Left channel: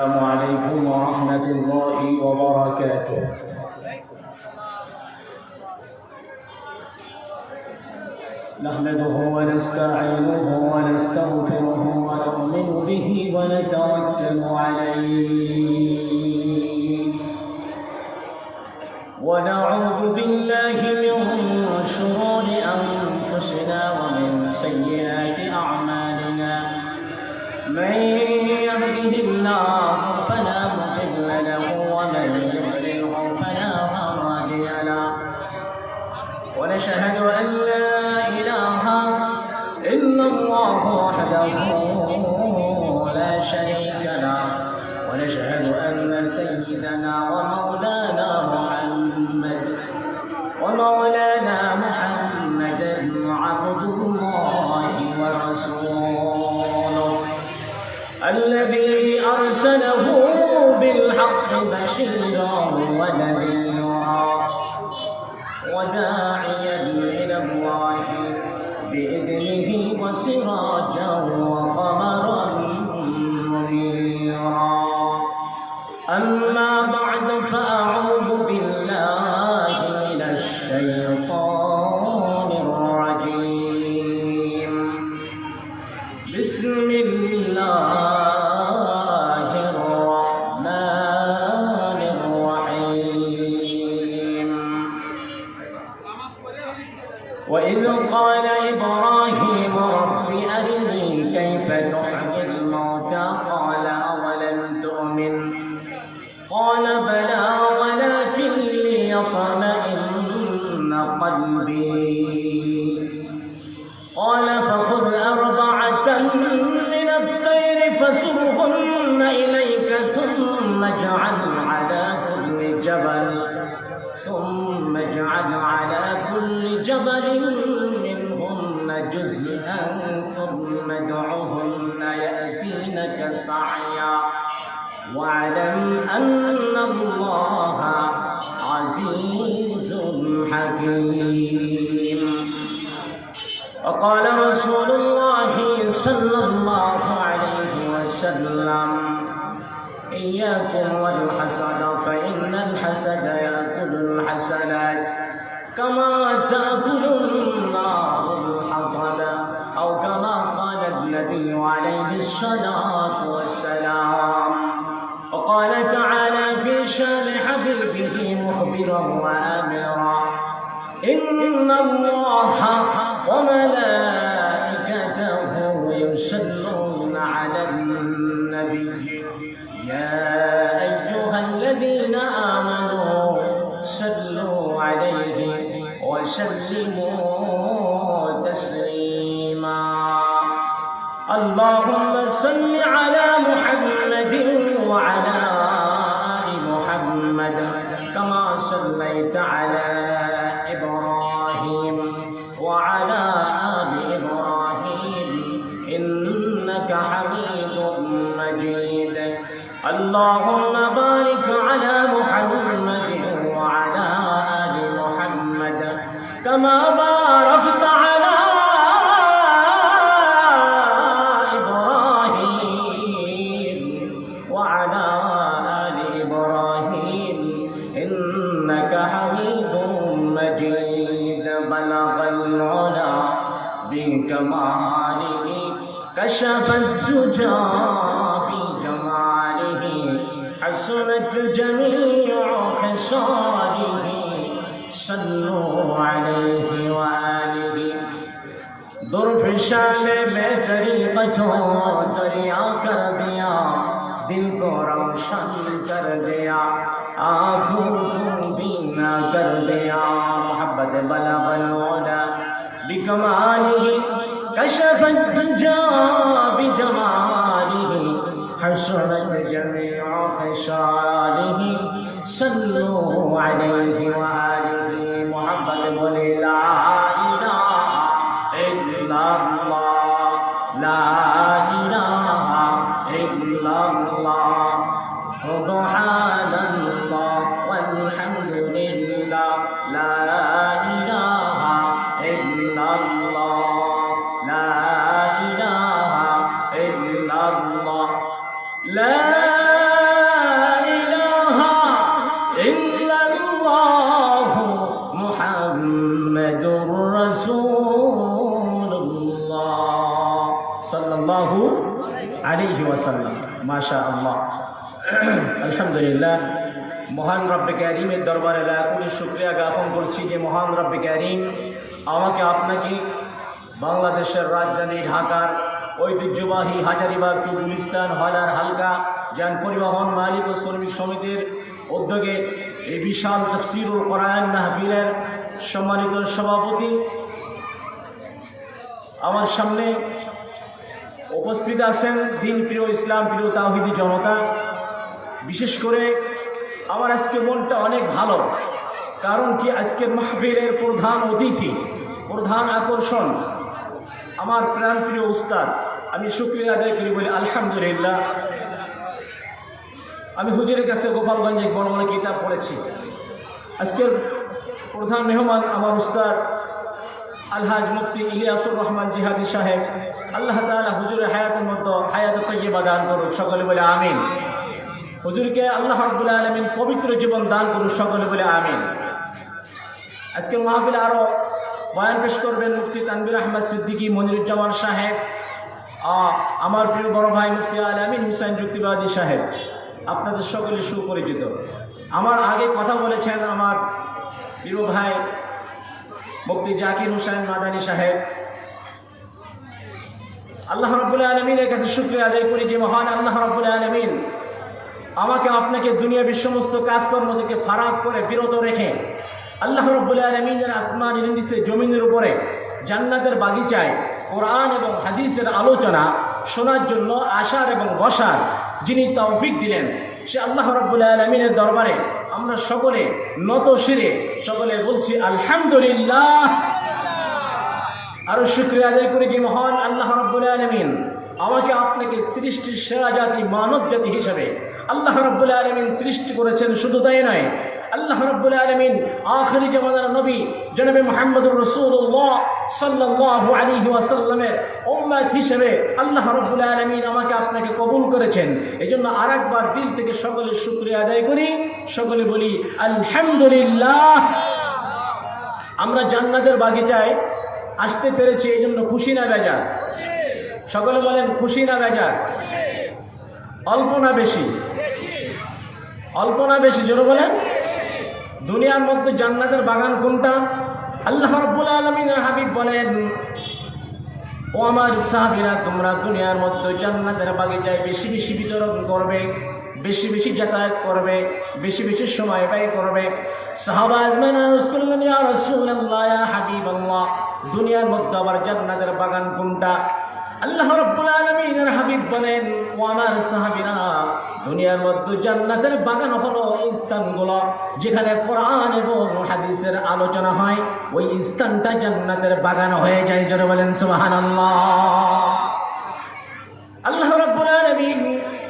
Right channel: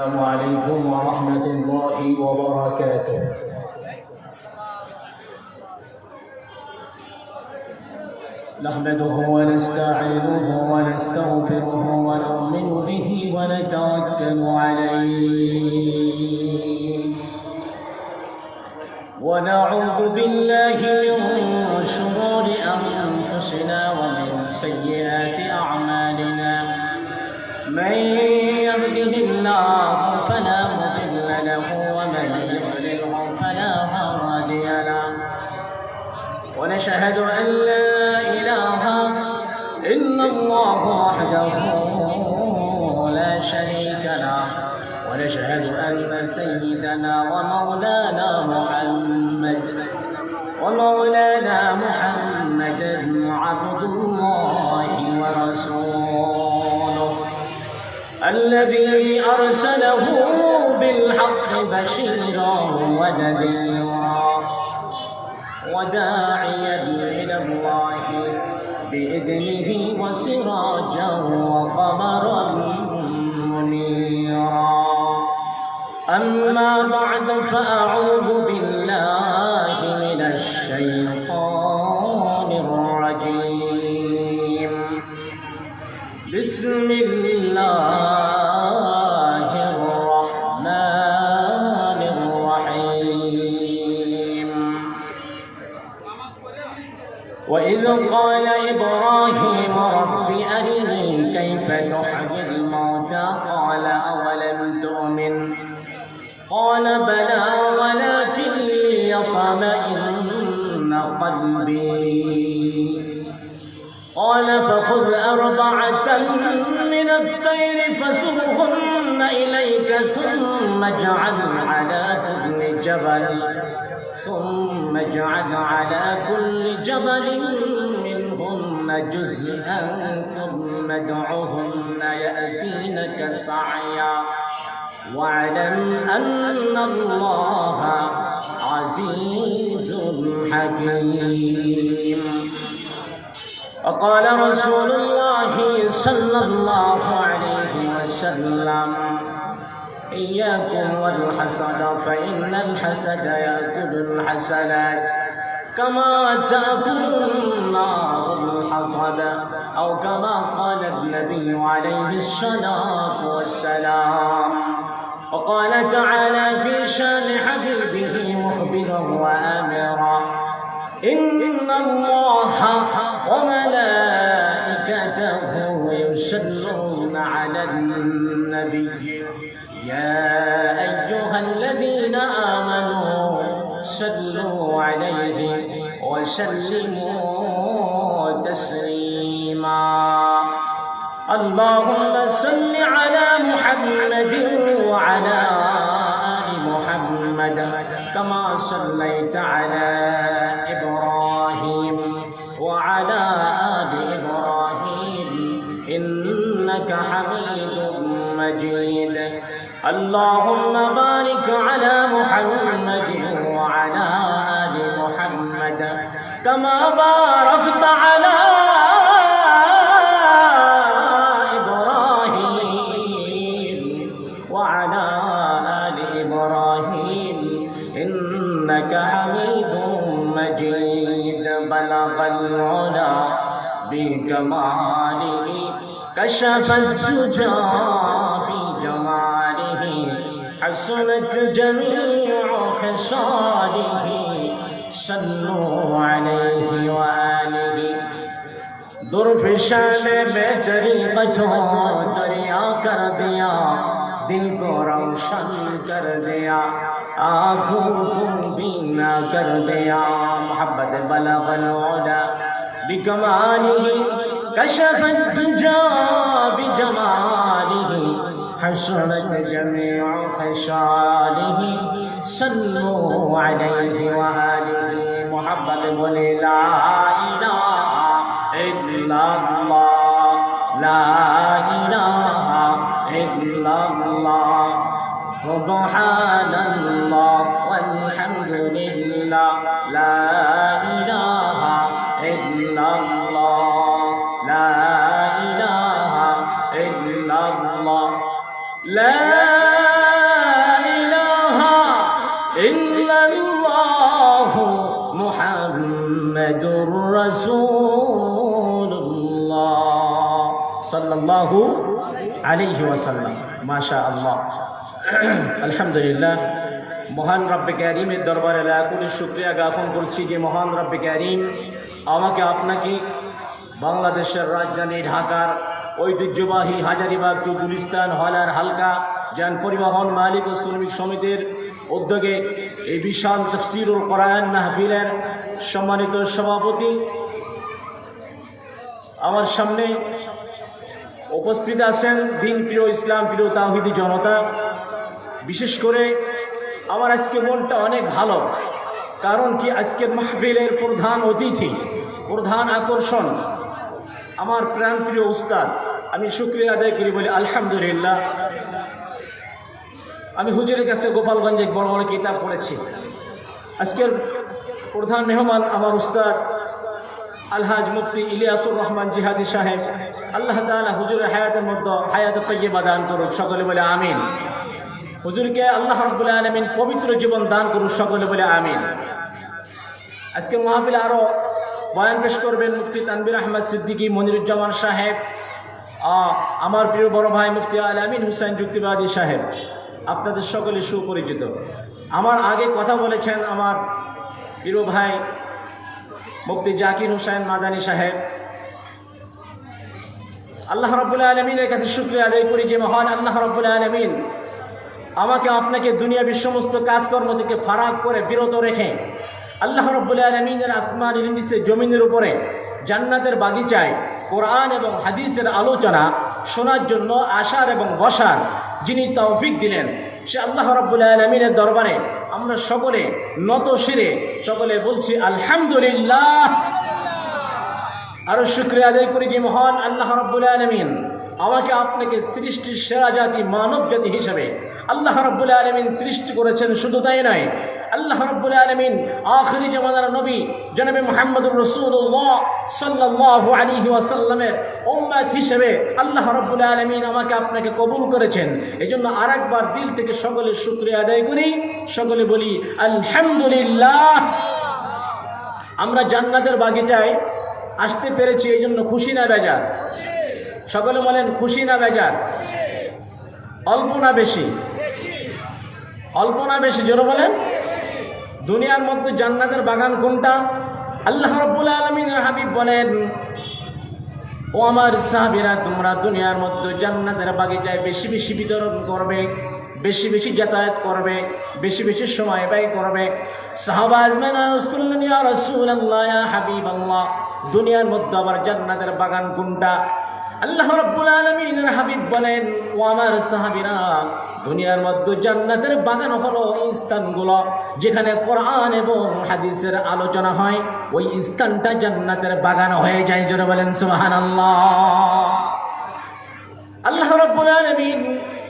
السلام عليكم ورحمة الله وبركاته. نحمده ونستعينه ونستغفره ونؤمن به ونتوكل عليه ونعوذ بالله من شرور أنفسنا ومن سيئات أعمالنا. من يهده الله فلا مضل له ومن يضلله فلا هادي له. ونشهد أن لا إله إلا الله وحده لا شريك له. ونشهد أن سيدنا ومولانا محمدا عبد الله ورسوله الذي أرسله بالحق بشيرا ونذيرا وداعيا إلى الله بإذنه وسراجا وقمرا منيرا. أما بعد فأعوذ بالله من الشيطان الرجيم. بسم الله الرحمن الرحيم. وإذ قال إبراهيم رب أرني كيف تحيي الموتى قال أولم تؤمن قال بلى ولكن ليطمئن قلبي قال فخذ أربعة من الطير فصرهن إليك ثم اجعل على كل جبل منهن جزءا ثم ادعهن يأتينك سعيا واعلم أن الله عزيز حكيم. وقال رسول الله صلى الله عليه وسلم إياكم والحسد فإن الحسد يأكل الحسنات كما تأكل النار الحطب أو كما قال النبي عليه الصلاة والسلام. وقال تعالى في شان حبيبه مخبرا وآمرا إن الله وملائكته يصلون على النبي يا أيها الذين آمنوا صلوا عليه وسلموا تسليما. اللهم صل على محمد وعلى آل محمد كما صليت على إبراهيم وعلى آل إبراهيم إنك حميد مجيد. اللهم بارك على محمد وعلى آل محمد كما باركت على إبراهيم وعلى آل إبراهيم إنك حميد مجيد. بلغ العلا بكماله كشف الدجى بجماله حسنت جميع خصاله صلوا عليه وآله. ظرف شان میں طریقتوں دریا کر دیا دل کو روشن کر دیا آنکھوں کو بینا کر دیا. محبت بلغ العلا بکماله كشف الدجى بجماله حسنت جميع خصاله صلوا عليه وآله. محمد بولے لا إله إلا الله لا إله إلا الله سبحان الله والحمد لله لا إله إلا الله لا إله إلا الله لا ইল্লাল্লাহু মুহাম্মাদুর রাসূলুল্লাহ সাল্লাল্লাহু আলাইহি ওয়াসাল্লাম। মাশাআল্লাহ, আলহামদুলিল্লাহ। মহান রব্বে কারীমের দরবারে লাখো শুকরিয়া জ্ঞাপন করছি যে মহান রব্বে কারীম আমাকে আপনাকে বাংলাদেশের রাজধানী ঢাকার ঐতিহ্যবাহী হাজারীবাগ টু গুলিস্তান হলার হালকা যান পরিবহন মালিক ও শ্রমিক সমিতির উদ্যোগে এই বিশাল তাফসীরুল কোরআন মাহফিলের সম্মানিত সভাপতি আমার সামনে উপস্থিত আছেন দিন প্রিয়, ইসলাম প্রিয় তাওহীদি জনতা। বিশেষ করে আমার আজকে মনটা অনেক ভালো, কারণ কি আজকের মাহফিলের প্রধান অতিথি, প্রধান আকর্ষণ আমার প্রাণপ্রিয় উস্তাদ। আমি শুকরিয়া আদায় করি, বলি আলহামদুলিল্লাহ। আমি হুজুরের কাছে গোপালগঞ্জে বড় বড় কিতাব পড়েছি। আজকের প্রধান মেহমান আমার উস্তাদ আলহাজ মুফতি ইলিয়াসুর রহমান জিহাদি সাহেব। আল্লাহ তাআলা হুজুরের হায়াতের মধ্যে হায়াত তাইয়্যিবা দান করুক, সকলে বলে আমিন। হুজুরকে আল্লাহ রাব্বুল আলামিন পবিত্র জীবন দান করুক, সকলে বলে আমিন। আজকের মাহফিলে আরো বয়ান পেশ করবেন মুফতি তানভীর আহমদ সিদ্দিকী মনিরুজ্জামান সাহেব, আমার প্রিয় বড় ভাই মুফতি আল-আমিন হুসাইন যুক্তিবাদী সাহেব। আপনাদের সকলে সুপরিচিত। আমার আগে কথা বলেছেন আমার প্রিয় ভাই মুফতি জাকির হোসেন মাদানী সাহেব। আল্লাহ রাব্বুল আলামিনের কাছে শুকরিয়া আদায় করি যে মহান আল্লাহ রাব্বুল আলামিন আমাকে আপনাকে দুনিয়ার সমস্ত কাজকর্ম থেকে ফারাক করে বিরত রেখে আল্লাহ রাব্বুল আলামিনের আসমানের নিচে জমিনের উপরে জান্নাতের বাগিচায় কোরআন এবং হাদিসের আলোচনা শোনার জন্য আসার এবং বসার যিনি তৌফিক দিলেন, সে আল্লাহ রাব্বুল আলামিনের দরবারে আমরা সকলে নত শিরে সকলে বলছি আলহামদুলিল্লাহ। আরো শুকরিয়া আদায় করি যে মহান আল্লাহ রাব্বুল আলামিন আমাকে আপনাকে সৃষ্টির সেরা জাতি মানব জাতি হিসাবে আল্লাহ রাব্বুল আলামিন সৃষ্টি করেছেন। শুধু তাই নয়, আল্লাহ রাব্বুল আলামিন আখিরি জামানার নবী জনাবে মুহাম্মদুর রাসূলুল্লাহ সাল্লাল্লাহু আলাইহি ওয়াসাল্লামের উম্মত হিসেবে আল্লাহ রাব্বুল আলামিন আমাকে আপনাকে কবুল করেছেন। এজন্য আরেকবার দিল থেকে সকলে শুকরিয়া আদায় করি, সকলে বলি আলহামদুলিল্লাহ। আমরা জান্নাতের বাগিচায় আসতে পেরেছি, এই জন্য খুশি না বেজার? সকলে বলেন খুশি না বেজার? অল্প না বেশি? অল্প না বেশি? জোরে বলেন। দুনিয়ার মধ্যে জান্নাতের বাগান কোনটা? আল্লাহ রাব্বুল আলামিনের হাবিব বলেন, ও আমার সাহাবীরা, তোমরা দুনিয়ার মধ্যে জান্নাতের বাগিচায় বেশি বেশি বিতরণ করবে, বেশি বেশি যাতায়াত করবে, বেশি বেশি সময় ব্যয় করবে। সাহাবা আজমান আরজ করলেন, ইয়া রাসূলুল্লাহ, ইয়া হাবিবাল্লাহ, দুনিয়ার মধ্যে আবার জান্নাতের বাগান কোনটা? আল্লাহ রাব্বুল আলামিনের হাবিব বলেন, ও আমার সাহাবীরা, দুনিয়ার মধ্যে জান্নাতের বাগান হলো এই স্থানগুলো যেখানে কোরআন এবং হাদিসের আলোচনা হয়, ওই স্থানটা জান্নাতের বাগান হয়ে যায়। জোরে বলেন সুবহানাল্লাহ। আল্লাহ রাব্বুল আলামিন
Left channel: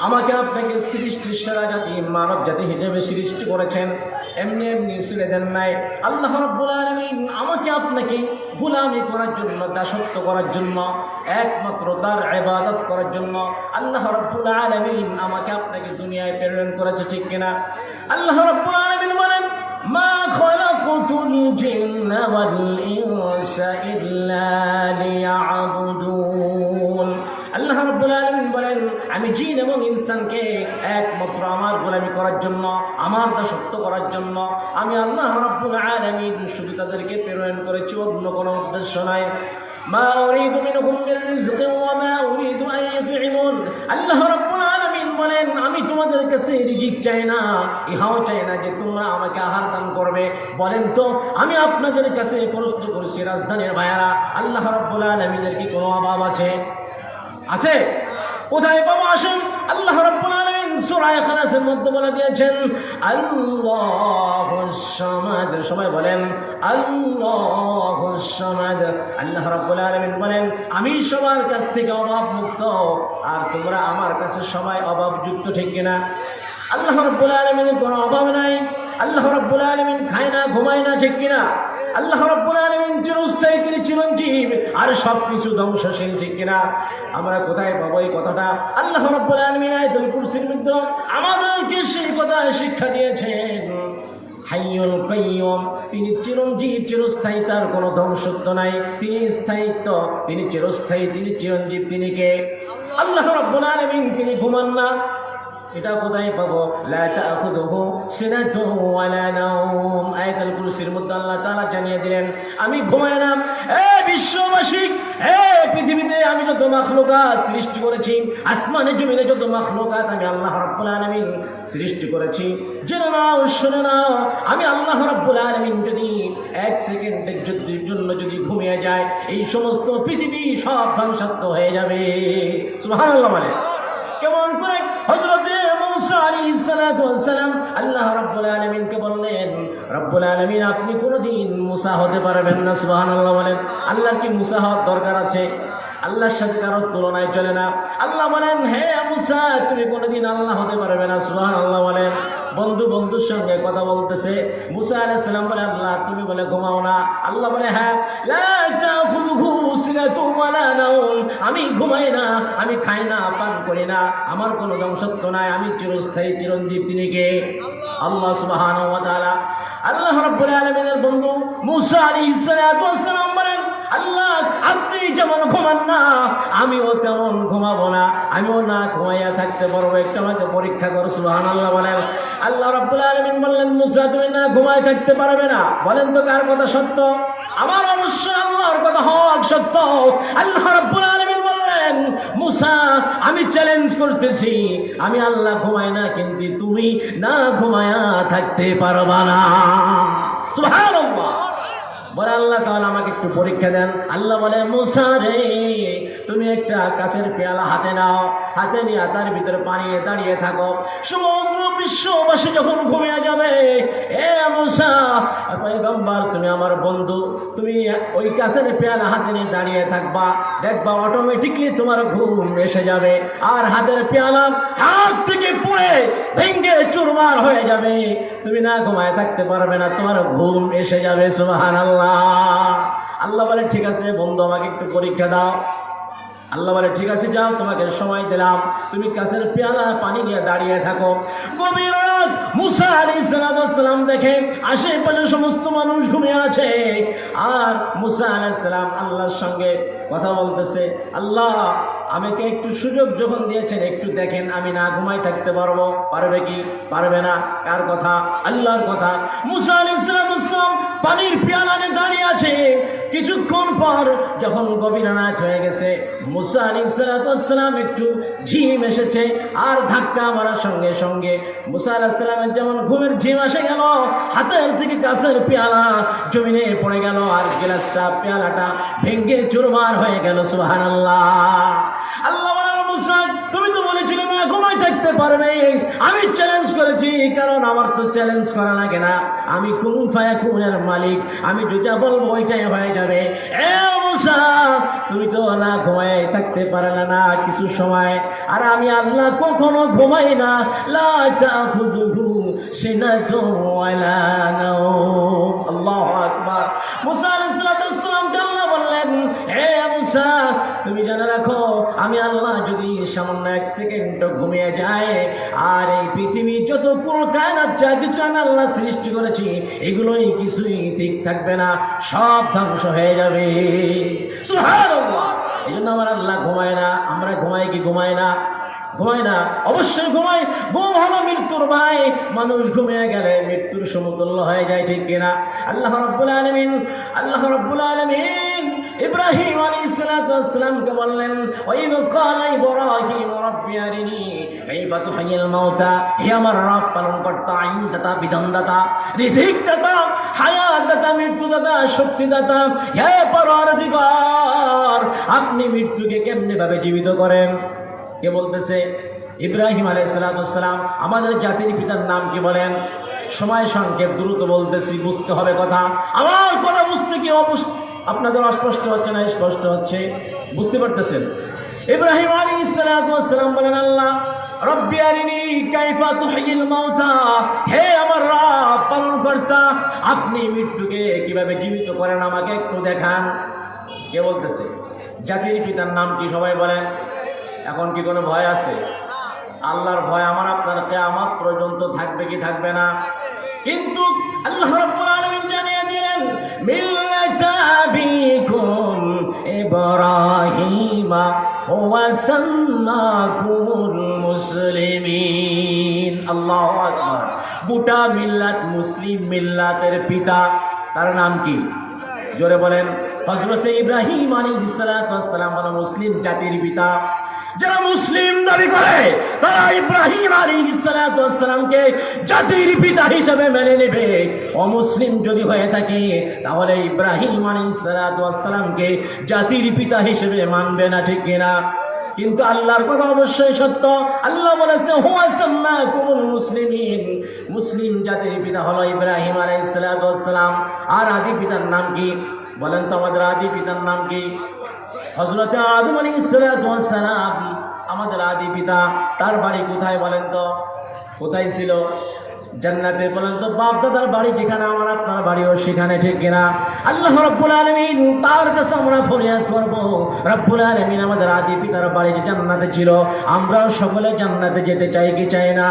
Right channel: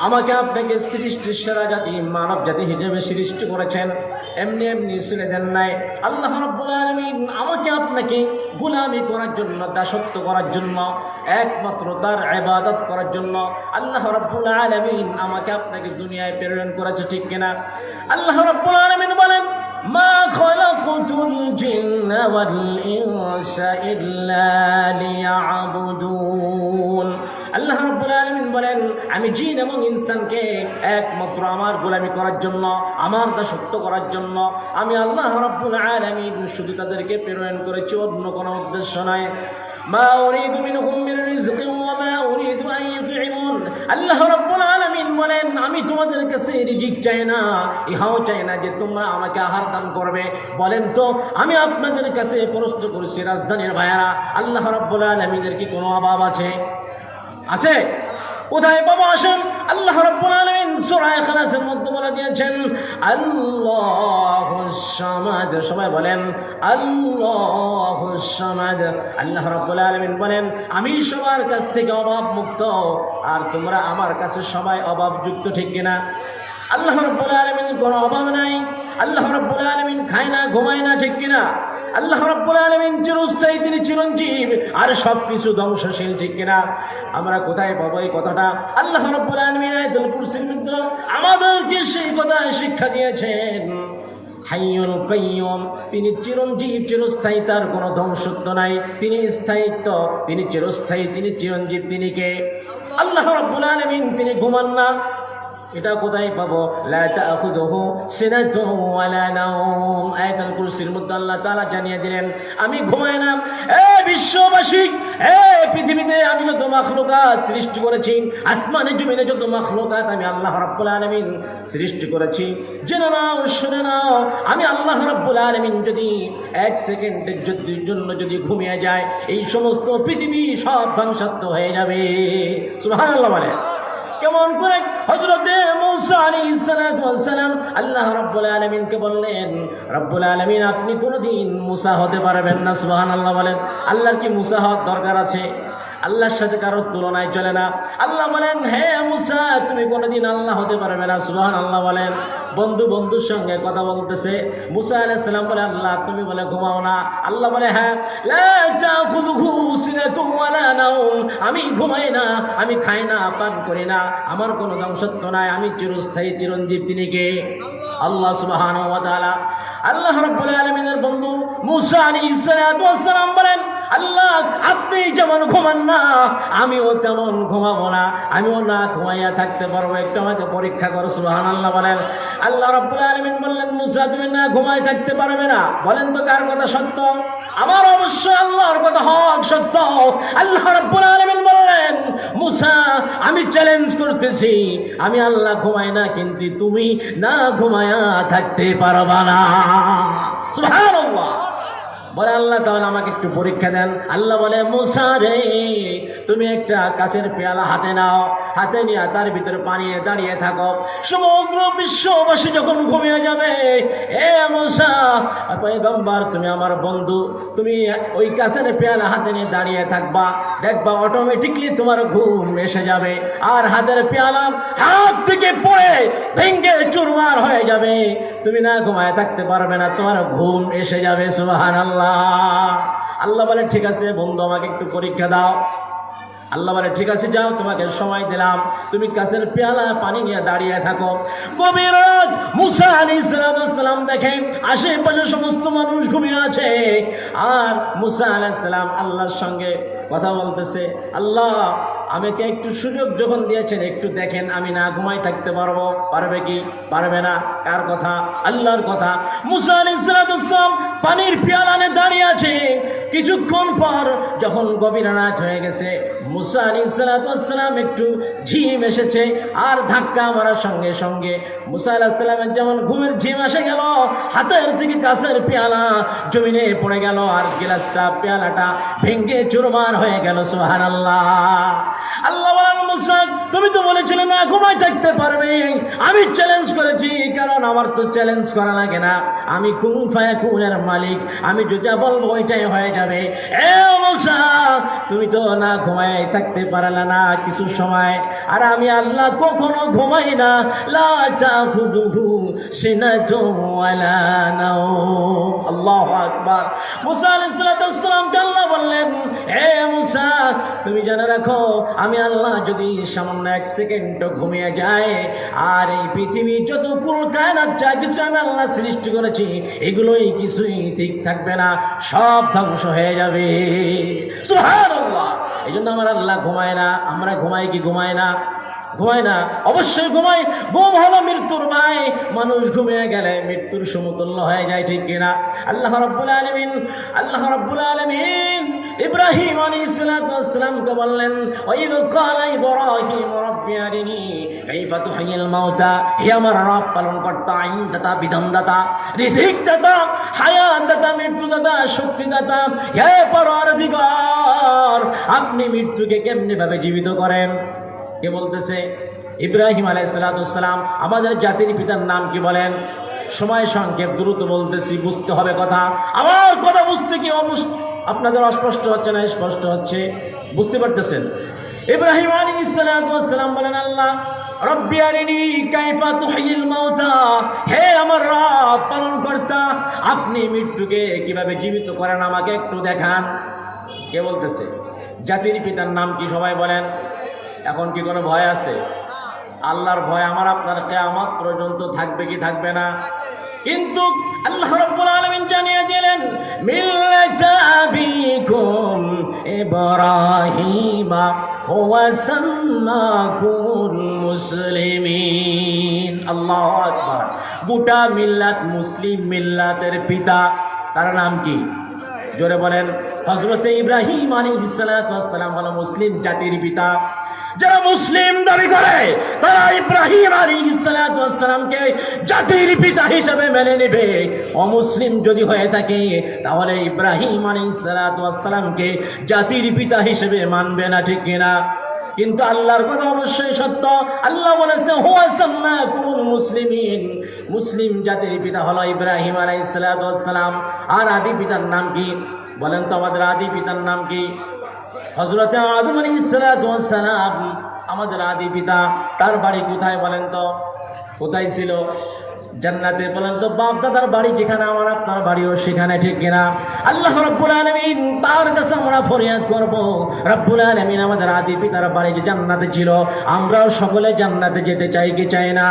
আমাকে আপনাকে সৃষ্টির সেরা জাতি মানব জাতি হিসেবে সৃষ্টি করেছেন, এমনি এমনি ছেড়ে দেন নাই। আল্লাহ রাব্বুল আলামিন আমাকে আপনাকে গোলামি করার জন্য, দাসত্ব করার জন্য, একমাত্র তার ইবাদত করার জন্য আল্লাহ রাব্বুল আলামিন আমাকে আপনাকে দুনিয়ায় প্রেরণ করেছে, ঠিক কিনা? আল্লাহ রাব্বুল আলামিন বলেন, মা খালাকুতুল জিন্না ওয়াল ইনসা ইল্লা লিয়াবুদুন। আল্লাহ রাব্বুল আলামিন বলেন, আমি জিন এবং ইনসানকে একমাত্র আমার গোলামি করার জন্য, আমার দাসত্ব করার জন্য আমি আল্লাহ রাব্বুল আলামিন শুধু তাদেরকে প্রেরণ করেছি, অন্য কোনো উদ্দেশ্য নয়। মা উরিদু মিনহুম মির রিজকিন ওয়া মা উরিদু আন ইউতঈমুন। আল্লাহ রাব্বুল আলামিন বলেন, আমি তোমাদের কাছে রিজিক চাই না, ইহাও চাই না যে তোমরা আমাকে আহার দান করবে। বলেন তো, আমি আপনাদের কাছে প্রশ্ন করছি, রাজধানীর ভাইয়েরা, আল্লাহ রাব্বুল আলামিনের কি কোনো অভাব আছে? আছে? কোথায় বাবা? আসেন। আল্লাহ রাব্বুল আলামিন সূরা ইখলাসের মধ্যে বলে দিয়েছেন, আল্লাহুস সামাদ। সবাই বলেন আল্লাহুস সামাদ। আল্লাহ রাব্বুল আলামিন বলেন, আমি সবার কাছ থেকে অভাব মুক্ত, আর তোমরা আমার কাছে সবাই অভাবযুক্ত, ঠিক কিনা? আল্লাহ রাব্বুল আলামিনের কোনো অভাব নাই। আল্লাহ রাব্বুল আলামিন খায় না, ঘুমায় না, ঠিক কিনা? আল্লাহ রাব্বুল আলামিন চিরস্থায়ী, তিনি চিরঞ্জীব, আর সবকিছু ধ্বংসশীল, ঠিক কিনা? আমরা কোথায় পাবো এই কথাটা? আল্লাহ রাব্বুল আলামিন আয়াতুল কুরসির মধ্যে আমাদেরকে সেই কথা শিক্ষা দিয়েছেন। হাইয়ুল কাইয়ুম, তিনি চিরঞ্জীব, চিরস্থায়ী, তার কোনো ধ্বংসত্ব নাই, তিনি স্থায়িত্ব, তিনি চিরস্থায়ী, তিনি চিরঞ্জীব। তিনি কে? আল্লাহ রাব্বুল আলামিন, তিনি ঘুমান না। এটা কোথায় পাবো? লা তাখুযুহু সিনাতুন ওয়ালা নাওম। আয়াতুল কুরসির মধ্যে আল্লাহ তাআলা জানিয়ে দিলেন, আমি ঘুমাই না। বিশ্ববাসী, পৃথিবীতে আমি যত মাখলুকাত সৃষ্টি করেছি, আসমানে জমিনে যত মাখলুকাত আমি আল্লাহ রাব্বুল আলামিন সৃষ্টি করেছি, জেনে নাও, শুনে নাও, আমি আল্লাহ রাব্বুল আলামিন যদি এক সেকেন্ডের জন্য যদি ঘুমিয়ে যায়, এই সমস্ত পৃথিবী সব ধ্বংসাত্মক হয়ে যাবে। সুবহানাল্লাহ। মানে কেমন করে? হযরতে মুসা আলাইহিস সালাতু ওয়াস সালাম আল্লাহ রাব্বুল আলামিনকে বললেন, রব্বুল আলামিন, আপনি কোনদিন মুসা হতে পারবেন না। সুবহানাল্লাহ বলেন। আল্লাহর কি মুসা হওয়ার দরকার আছে? আল্লাহর সাথে কারোর তুলনায় চলে না। আল্লাহ বলেন, হে মুসা, তুমি কোনদিন আল্লাহ হতে পারবে না। সুবহানাল্লাহ বলেন। বন্ধুর সঙ্গে কথা বলতেছে, মুসা আলাইহিস সালাম বলে, আল্লাহ তুমি বলে ঘুমাও না। আল্লাহ বলে, হ্যাঁ, লা তাখুযুহু সিনাতুন ওয়ালা নাওম, আমি ঘুমাই না, আমি খাই না, পান করি না, আমার কোনো ধ্বংসত্ব নাই, আমি চিরস্থায়ী, চিরঞ্জীব। তিনি কে? আল্লাহ সুবহানাহু ওয়া তাআলা। আল্লাহ রাব্বুল আলামিনের বন্ধু মুসা আলাইহিস সালাতু ওয়াস সালাম বলেন, আল্লাহ আপনি যেমন ঘুমান না, আমিও তেমন ঘুমাবো না, আমিও না ঘুমাইয়া থাকতে পারবো, একটু আমাকে পরীক্ষা করো। সুবহানাল্লাহ বলেন। আল্লাহ রাব্বুল আলামিন বললেন, মুসা তুমি না ঘুমায় থাকতে পারবে না। বলেন তো কার কথা সত্য? আমার অবশ্যই আল্লাহর কথা হক সত্য। আল্লাহ রাব্বুল আলামিন বললেন, মুসা আমি চ্যালেঞ্জ করতেছি, আমি আল্লাহ ঘুমাই না, কিন্তু তুমি না ঘুমায়া থাকতে পারবা না। সুবহানাল্লাহ। বলে, আল্লাহ তাআলা আমাকে একটু পরীক্ষা দেন। আল্লাহ বলে, মুসা রে, তুমি একটা কাচের পেয়ালা হাতে নাও, হাতে নিয়ে তার ভিতরে পানি দাঁড়িয়ে থাকো, সমগ্র বিশ্ববাসী যখন ঘুমিয়ে যাবে, এ মুসা পয়গম্বর, তুমি আমার বন্ধু, তুমি ওই কাচের পেয়ালা হাতে নিয়ে দাঁড়িয়ে থাকবা, দেখবা অটোমেটিকলি তোমার ঘুম এসে যাবে, আর হাতের পেয়ালা হাত থেকে পড়ে ভেঙে চুরমার হয়ে যাবে, তুমি না ঘুমায় থাকতে পারবে না, তোমার ঘুম এসে যাবে। সুবহানাল্লাহ। আল্লাহ বলে, ঠিক আছে বন্ধু, আমাকে একটু পরীক্ষা দাও। আল্লাহ বলে, ঠিক আছে, যাও, তোমাকে সময় দিলাম, তুমি কাছের পেয়ালা পানি নিয়ে দাঁড়িয়ে থাকো। গভীর রাত, মুসা আলাইহিস সালাম দেখেন আশেপাশে সমস্ত মানুষ ঘুমিয়ে আছে, আর মুসা আলাইহিস সালাম আল্লাহর সঙ্গে কথা বলতেছে, আল্লাহ আমাকে একটু সুযোগ যখন দিয়েছেন, একটু দেখেন আমি না ঘুমাই থাকতে পারবো। পারবে কি? পারবে না। কার কথা? আল্লাহর কথা। মুসা আলাইহিস সালাম পানির পেয়ালা নিয়ে দাঁড়িয়ে আছে। কিছুক্ষণ পর যখন গভীর রাত হয়ে গেছে, মুসা আলাইহিস সালাম একটু ঝিম এসেছে, আর ধাক্কা মারার সঙ্গে সঙ্গে মুসা আলাইহিস সালামের যেমন ঘুমের ঝিম এসে গেল, হাতের থেকে কাছের পেয়ালা জমিনে পড়ে গেল, আর গ্লাসটা পেয়ালাটা ভেঙে চুরমার হয়ে গেল। সুবহানাল্লাহ। আল্লাহ বলেন, মুসা তুমি তো বলেছিলে না ঘুমাই থাকতে পারবে, আমি চ্যালেঞ্জ করেছি, কারণ আমার তো চ্যালেঞ্জ করা লাগে না, আমি কুন ফায়াকুনের মালিক, আমি যেটা বলবো ওইটাই হয়ে যাবে। এ মুসা তুমি তো না ঘুমাই থাকতে পারলে না কিছু সময়, আর আমি আল্লাহ কখনো ঘুমাই না। লা তাখুযুহু সিনাতুন ওয়ালা নাওম। আল্লাহু আকবার। মুসা আলাইহিস সালাম আল্লাহ বললেন, হে মুসা তুমি জেনে রাখো, আমি আল্লাহ যদি সামান্য এক সেকেন্ড ঘুমিয়ে যায়, আর এই পৃথিবী যত পুরো কায়নাত যা কিছু আমি আল্লাহ সৃষ্টি করেছি, এগুলোই কিছুই ঠিক থাকবে না, সব ধ্বংস হয়ে যাবে। সুবহানাল্লাহ। এই জন্য আমার আল্লাহ ঘুমায় না। আমরা ঘুমাই কি? ঘুমায় না। ঘুমায় না, অবশ্যই ঘুমাই। ঘুম হলো মৃত্যুর ভাই। মানুষ ঘুমিয়ে গেলে মৃত্যুর সমতুল্য হয়ে যায়, ঠিক কিনা? আল্লাহ রাব্বুল আলামিন ইব্রাহিম আলাইহিস সালামকে বললেন, ওয়াইল ক্বালা ইব্রাহিম রাব্বি আরিনি কাইফা তুহয়িল মাউতা, হে আমার রব পালন কর্তা, আইনদাতা, বিধানদাতা, রিজিক দাতা, হায়াত দাতা, মৃত্যু দাতা, শক্তি দাতা, হে পরওয়ারদিগার, আপনি মৃত্যুকে কেমনে ভাবে জীবিত করেন? কে বলতেছে? ইব্রাহিম আলাইহিস সালাম। আমাদের জাতির পিতার নাম কি বলেন? সময় সংক্ষেপ, দ্রুত বলতেছি, বুঝতে হবে কথা। আমার কথা বুঝতে কি আপনাদের অস্পষ্ট হচ্ছে না স্পষ্ট হচ্ছে? বুঝতে পারতেছেন? ইব্রাহিম আলাইহিস সালাম বলেন, আল্লাহ রব্বি আরিনি কাইফা তুহয়িল মাউতা, হে আমার রব পালন কর্তা, আপনি মৃত্যুকে কিভাবে জীবিত করেন আমাকে একটু দেখান। কে বলতেছে? জাতির পিতার নাম কি সবাই বলেন। এখন কি কোনো ভয় আছে? আল্লাহর ভয় আমার আপনার কিয়ামত পর্যন্ত থাকবে কি থাকবে না? কিন্তু আল্লাহ রাব্বুল আলামিন জানিয়ে দিলেন মিল্লাতা আবিকুম ইব্রাহিম ওয়া সাম্মাকুমুল মুসলিমিন। আল্লাহু আকবার। গোটা মিল্লাত মুসলিম মিল্লাতের পিতা তার নাম কি? জোরে বলেন। হযরত ইব্রাহিম আলাইহিস সালাম হলো মুসলিম জাতির পিতা। যারা মুসলিম দাবি করে তারা ইব্রাহিম আলাইহিস সালামকে জাতির পিতা হিসেবে মেনে নেবে। অমুসলিম যদি হয়ে থাকে তাহলে ইব্রাহিম আলাইহিস সালামকে জাতির পিতা হিসেবে মানবে না, ঠিক কিনা? কিন্তু আল্লাহর কথা অবশ্যই সত্য। আল্লাহ বলেছেন হুয়া সাম্মাকুমুল মুসলিমিন, মুসলিম জাতির পিতা হলো ইব্রাহিম আলাইহিস সালাম। আর আদি পিতার নাম কি বলেন তো? আমাদের আদি পিতার নাম কি? হযরত আদম আলাইহিস সালাম আমাদের আদি পিতা। তার বাড়ি কোথায় বলেন তো? কোথায় ছিল? জান্নাতে। বলেন তো বাপ দাদার বাড়ি যেখানে আমার আপনার বাড়িও সেখানে, ঠিক কিনা? আল্লাহ রাব্বুল আলামিন তার কাছে আমরা ফরিয়াদ করব, রাব্বুল আলামিন আমাদের আদি পিতার বাড়ি যে জান্নাতে ছিল আমরাও সকলে জান্নাতে যেতে চাই কি চাই না?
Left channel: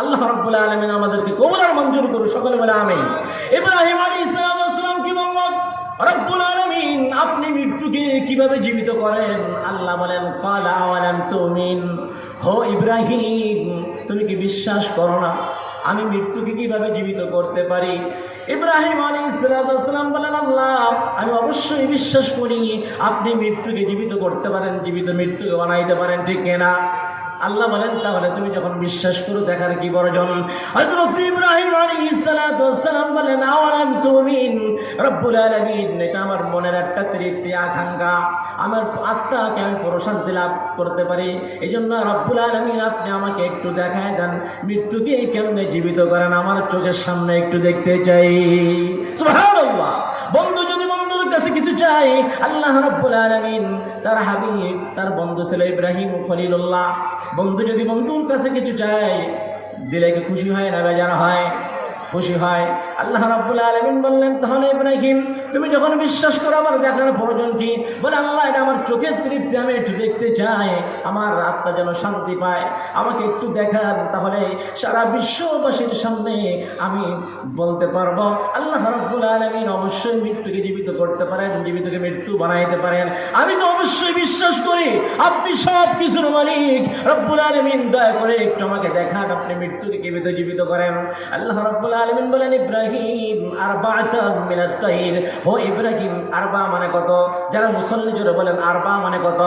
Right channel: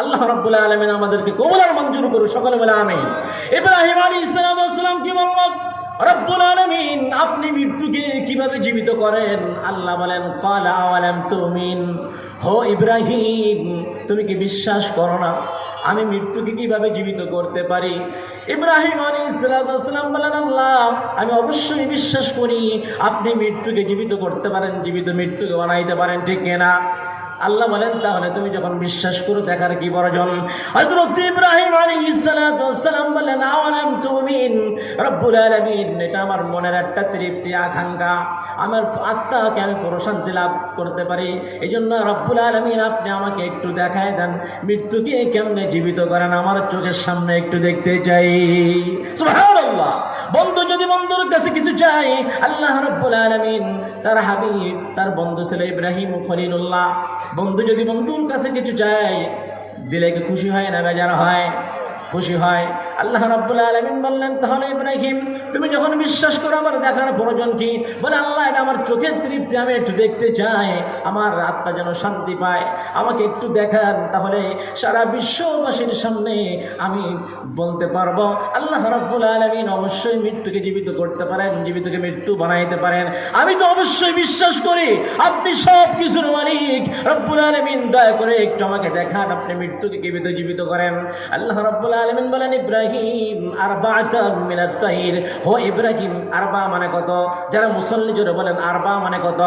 আল্লাহ রাব্বুল আলামিন আমাদেরকে কবুল আর মঞ্জুর করুন, সকলে বলে আমিন। ইব্রাহিম আলাইহিস সালাম কি বললেন? রব্বুল আলামিন আপনি মৃত্যুকে কিভাবে জীবিত করেন? আল্লাহ বলেন ক্বালা আওয়ালাম তুমিন, হো ইব্রাহিম তুমি কি বিশ্বাস করো না আমি মৃত্যুকে কিভাবে জীবিত করতে পারি? ইব্রাহিম আলাইহিস সালাম বলেন আল্লাহ আমি অবশ্যই বিশ্বাস করি আপনি মৃত্যুকে জীবিত করতে পারেন, জীবিত মৃত্যুকে বানাইতে পারেন, ঠিক কিনা? আল্লাহ বলেন তাহলে তুমি যখন বিশ্বাস করো দেখার কি প্রয়োজন? হযরত ইব্রাহিম আলাইহিস সালাম বলেন আওয়ালাম তুমিন, রব্বুল আলামিন এটা আমার মনের একটা তৃপ্তি আকাঙ্ক্ষা, আমার আত্মাকে আমি প্রশান্তি লাভ করতে পারি, এজন্য রব্বুল আলামিন আপনি আমাকে একটু দেখায় দেন মৃত্যুকে কেমনে জীবিত করেন, আমার চোখের সামনে একটু দেখতে চাই। সুবহানাল্লাহ। বন্ধু যদি বন্ধুর কাছে কিছু চাই, আল্লাহ রাব্বুল আলামিন তার হাবিব তার বন্ধু ছিল ইব্রাহিম খলিলুল্লাহ। বন্ধু যদি বন্ধুর কাছে কিছু চায় দিলে কি খুশি হয় না বেজার হয়? খুশি হয়। আল্লাহ রাব্বুল আলামিন বললেন তাহলে ইব্রাহিম তুমি যখন বিশ্বাস করো আমার দেখার প্রয়োজন কি? বলে আল্লাহ এটা আমার চোখের তৃপ্তি, আমি একটু দেখতে চাই, আমার আত্মা যেন শান্তি পায়, আমাকে একটু দেখান, তাহলে সারা বিশ্ববাসীর সামনে আমি বলতে পারবো আল্লাহ রাব্বুল আলামিন অবশ্যই মৃত্যুকে জীবিত করতে পারেন, জীবিতকে মৃত্যু বানাইতে পারেন। আমি তো অবশ্যই বিশ্বাস করি আপনি সব কিছুর মালিক, রব্বুল আলামিন দয়া করে একটু আমাকে দেখান আপনি মৃত্যুকে কিভাবে জীবিত করেন। আল্লাহ রাব্বুল আলামিন বলেন ইব্রাহিম আরবাআতা মিনাত তাইর, ও ইব্রাহিম আরবা মানে কত? যারা মুসল্লি জোরে বলেন আরবা মানে কত?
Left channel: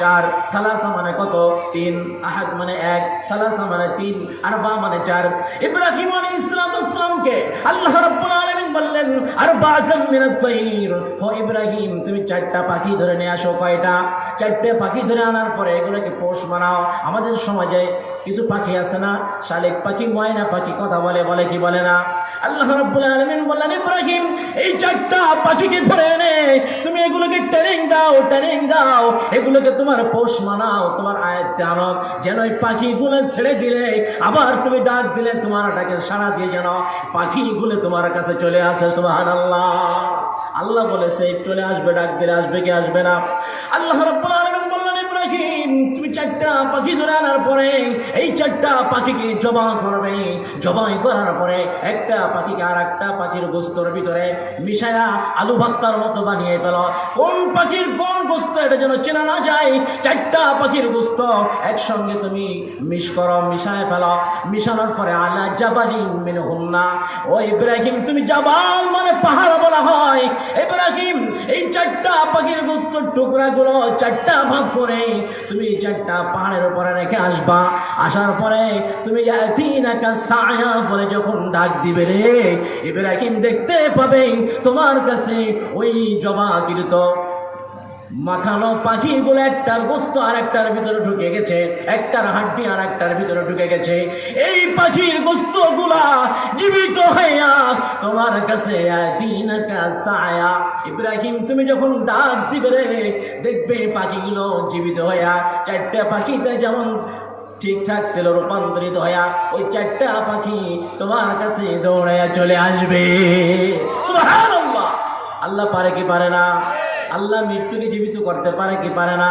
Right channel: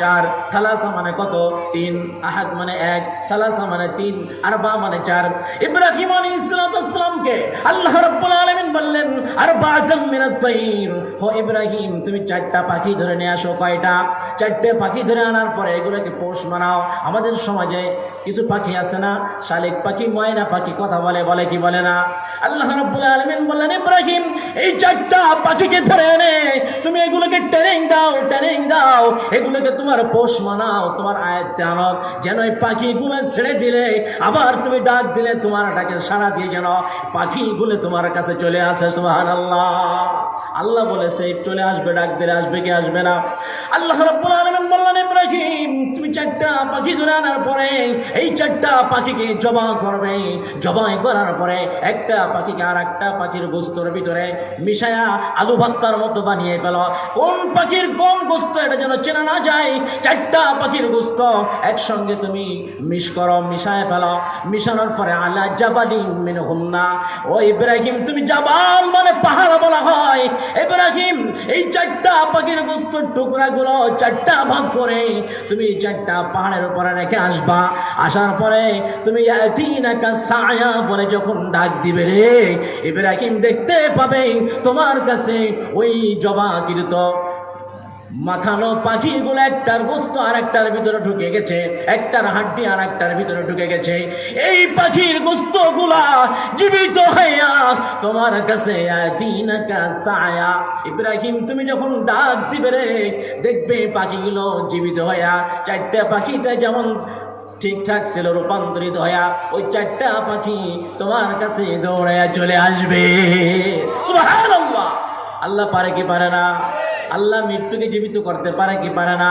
4। সালাসা মানে কত? 3। আহাদ মানে 1, সালাসা মানে 3, আরবা মানে 4। ইব্রাহিম আলাইহিস সালামকে আল্লাহ রাব্বুল আলামিন বললেন আরবাআতা মিনাত তাইর, ও ইব্রাহিম তুমি 4টা পাখি ধরে নিয়ে আসো। কয়টা? 4টে পাখি ধরে আনার পরে এগুলোকে পোষ মানাও। আমাদের সমাজে কিছু পাখি আছে না, শালিক পাখি, ময়না পাখি কথা বলে, বলে কি বলে না? আল্লাহ রাব্বুল আলামিন বললেন ইব্রাহিম এই 4টা পাখিকে ধরে এনে তুমি এগুলোকে ট্রেনিং দাও, ট্রেনিং দাও, এগুলোকে তোমার পোষ মানাও, তোমার আয়াতে আনো, যেন এই পাখিগুলো ছেড়ে দিলে আবার তুমি ডাক দিলে তোমার ডাকে সাড়া দিয়ে যেন পাখিগুলো তোমার কাছে চলে আসে। সুবহানাল্লাহ। আল্লাহ বলেছে চলে আসবে, ডাক দিলে আসবে কি আসবে না? আল্লাহ রাব্বুল আলামিন বললেন ইব্রাহিম তুমি 4টা পাখি ধরে আনার পরে এই 4টা পাখিকে জবাই করবে, জবাই করার পরে একটা পাখিকে আর একটা পাখির গোস্তের ভিতরে মিশায়া আলু ভর্তার মতো বানিয়ে ফেল। কোন পাখির কোন গোস্ত এটা যেন চেনা না যায়, 4টা পাখির গোস্ত একসঙ্গে তুমি মিশ করো, মিশায় ফেলো। মিশানোর পরে আলা জাবালিন মিনহুন্না, ও ইব্রাহিম তুমি জাবাল মানে পাহাড় বলা হয়। ইব্রাহিম এই 4টা পাখির গোস্তের টুকরাগুলো 4টা ভাগ করে তুমি 4টা পাহাড়ের উপরে রেখে আসবা। আসার পরে তুমি ইয়াতিনাকা সায়া বলে যখন ডাক দিবে রে ইব্রাহিম দেখতে পাবে তোমার কাছে ওই জবাকৃত মাখানো পাখিগুলো একটার গোস্ত আর একটার ভিতরে ঢুকে গেছে, একটার হাড্ডি আর একটার ভিতরে ঢুকে গেছে। এই পাখির গোস্ত গুলা জীবিত হইয়া তোমার কাছে সায়া। ইব্রাহিম তুমি যখন ডাক দিবে রে দেখবে পাখিগুলো জীবিত হইয়া 4টা পাখিতে যেমন ঠিকঠাক ছিল রূপান্তরিত হইয়া ওই 4টা পাখি তোমার কাছে দৌড়ে চলে আসবে। সুবহানাল্লাহ। আল্লাহ পারে কি পারে না? আল্লাহ মৃত্যুকে জীবিত করতে পারে কি পারে না?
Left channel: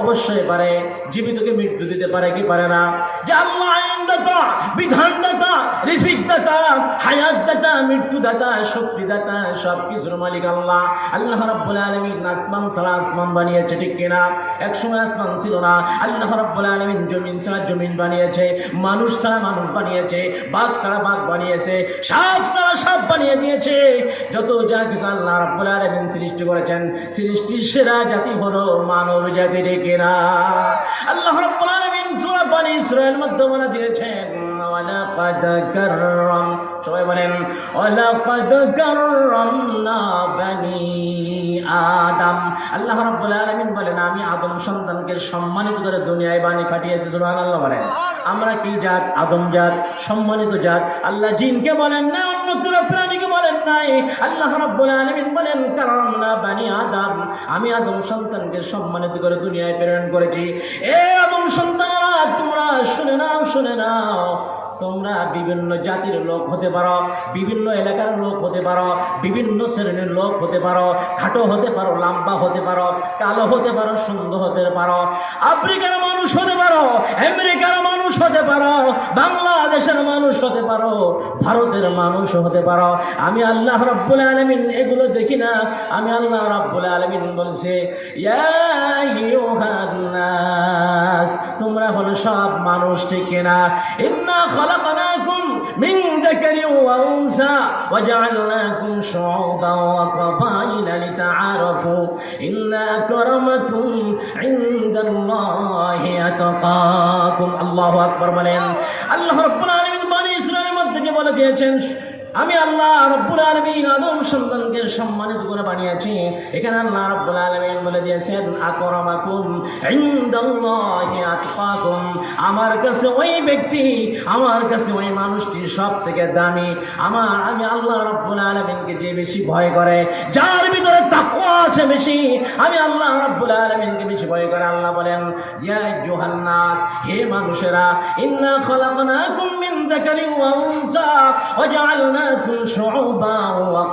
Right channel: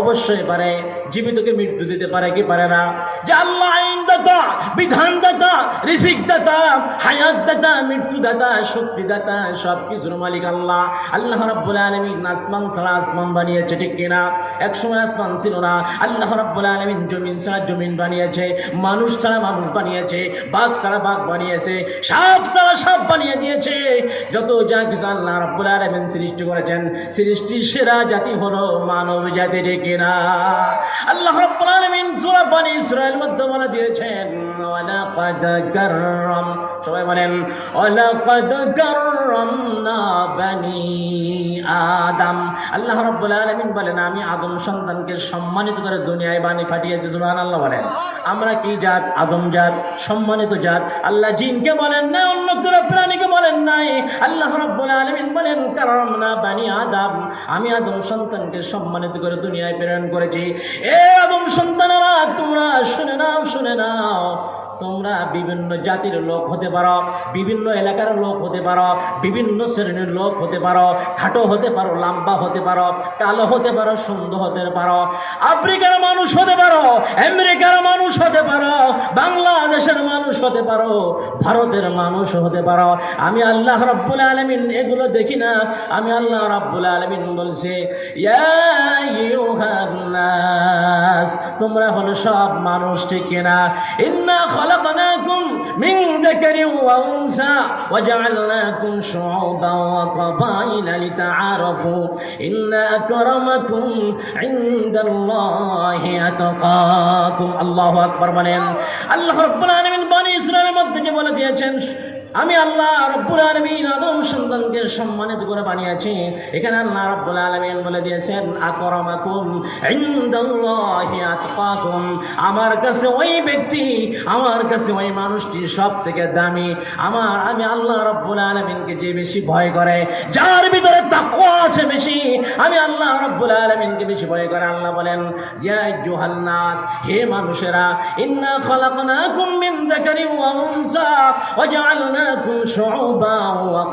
অবশ্যই পারে। জীবিতকে মৃত্যু দিতে পারে কি পারে না? যে আল্লাহ আইনদাতা, বিধানদাতা, রিজিকদাতা, হায়াতদাতা, মৃত্যুদাতা, শক্তিদাতা, সবকিছুর মালিক আল্লাহ। আল্লাহ রাব্বুল আলামিন আসমান ছাড়া আসমান বানিয়েছে, ঠিক কিনা? একসময় আসমান ছিল না। আল্লাহ রাব্বুল আলামিন জমিন ছাড়া জমিন বানিয়েছে, মানুষ ছাড়া মানুষ বানিয়েছে, বাঘ ছাড়া বাঘ বানিয়েছে, সাপ ছাড়া সাপ বানিয়ে দিয়েছে। যত যা কিছু আল্লাহ রাব্বুল আলামিন সৃষ্টি করেছেন, সৃষ্টির সেরা জাতি হলো মানব জাতি, ঠিক কিনা? আল্লাহ রাব্বুল আলামিন সূরা বনী ইসরাঈল মধ্যে বলে দিয়েছেন, ওয়ালাকাদ কাররাম, সবাই বলেন ওয়ালাকাদ কাররামনা বনী আদম। আল্লাহ রাব্বুল আলামিন বলেন, আমি আদম সন্তানকে সম্মানিত করে দুনিয়ায় বাণী পাঠিয়েছি। সুবহানাল্লাহ বলেন। আমরা কি জাত? আদম জাত, সম্মানিত জাত। আল্লাহ জিনকে বলেন না, অন্য কোনো প্রাণীকে বলেন নাই। আল্লাহ রাব্বুল আলামিন বলেন, কাররামনা বনী আদম, আমি আদম সন্তানকে সম্মানিত করে দুনিয়ায় প্রেরণ করেছি। এ আদম সন্তানেরা, তোমরা শুনে নাও, শুনে নাও। তোমরা বিভিন্ন জাতির লোক হতে পারো, বিভিন্ন এলাকার লোক হতে পারো, বিভিন্ন শ্রেণীর লোক হতে পারো, খাটো হতে পারো, লম্বা হতে পারো, কালো হতে পারো, সুন্দর হতে পারো, আফ্রিকার মানুষ হতে পারো, আমেরিকার মানুষ হতে পারো, বাংলাদেশের মানুষ হতে পারো, ভারতের মানুষ হতে পারো। আমি আল্লাহ রাব্বুল আলামিন এগুলো দেখি না। আমি আল্লাহ রাব্বুল আলামিন বলছে, ইয়া আইয়ুহান নাস, তোমরা হলো সব মানুষ, ঠিক কিনা? ইন্না খালাকনাকুম মিন যাকারিন ওয়া উনসা ওয়া জাআলনাকুম শুউবান ওয়া ক্বাবাইলা লিতাআরাফু ইন্না আকরামাকুম ইনদাল্লাহি আতকাকুম। আল্লাহু আকবার বলেন। আল্লাহ রাব্বুল আলামিন বনী ইসরাঈলের মধ্যে বলে দিয়েছেন, আমি আল্লাহ রাব্বুল আলামিন আদম সন্তানকে সম্মানিত করে বানিয়েছি। এখানে আল্লাহ রাব্বুল আলামিন বলে দিয়েছেন, আকরামাকুম ইনদাল্লাহি আতকাকুম, আমার কাছে ওই ব্যক্তি, আমার কাছে ওই মানুষটি সব থেকে দামি। আমি আল্লাহ রাব্বুল আলামিনকে যে বেশি ভয় করে, যার ভিতরে তাকওয়া আছে বেশি, আমি আল্লাহ রাব্বুল আলামিনকে বেশি ভয় করে। আল্লাহ বলেন, ইয়া আইয়ুহান নাস, হে মানুষেরা, ইন্না খালাকনাকুম মিন যাকারিন ওয়া উনসা ওয়া জাআলনাকুম শুউবান ওয়া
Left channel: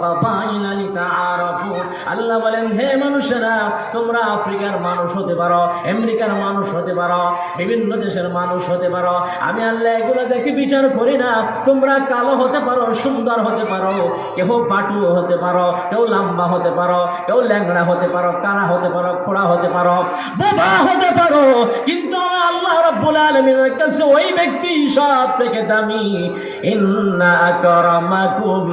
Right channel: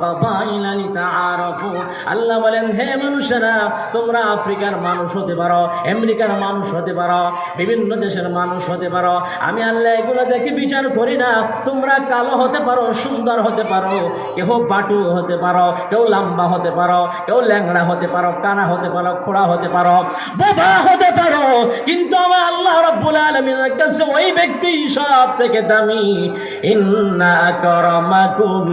ক্বাবাইলা লিতাআরাফু। আল্লাহ বলেন, হে মানুষেরা, তোমরা আফ্রিকার মানুষ হতে পারো, আমেরিকার মানুষ হতে পারো, বিভিন্ন দেশের মানুষ হতে পারো। আমি আল্লাহ এগুলো দেখে বিচার করি না। তোমরা কালো হতে পারো, সুন্দর হতে পারো, কেউ পাটু হতে পারো, কেউ লম্বা হতে পারো, কেউ ল্যাংড়া হতে পারো, কানা হতে পারো, খোড়া হতে পারো, বোবা হতে পারো, কিন্তু আমি আল্লাহ রাব্বুল আলামিনের কাছে ওই ব্যক্তি সব থেকে দামি। ইন্না আকরামাকুম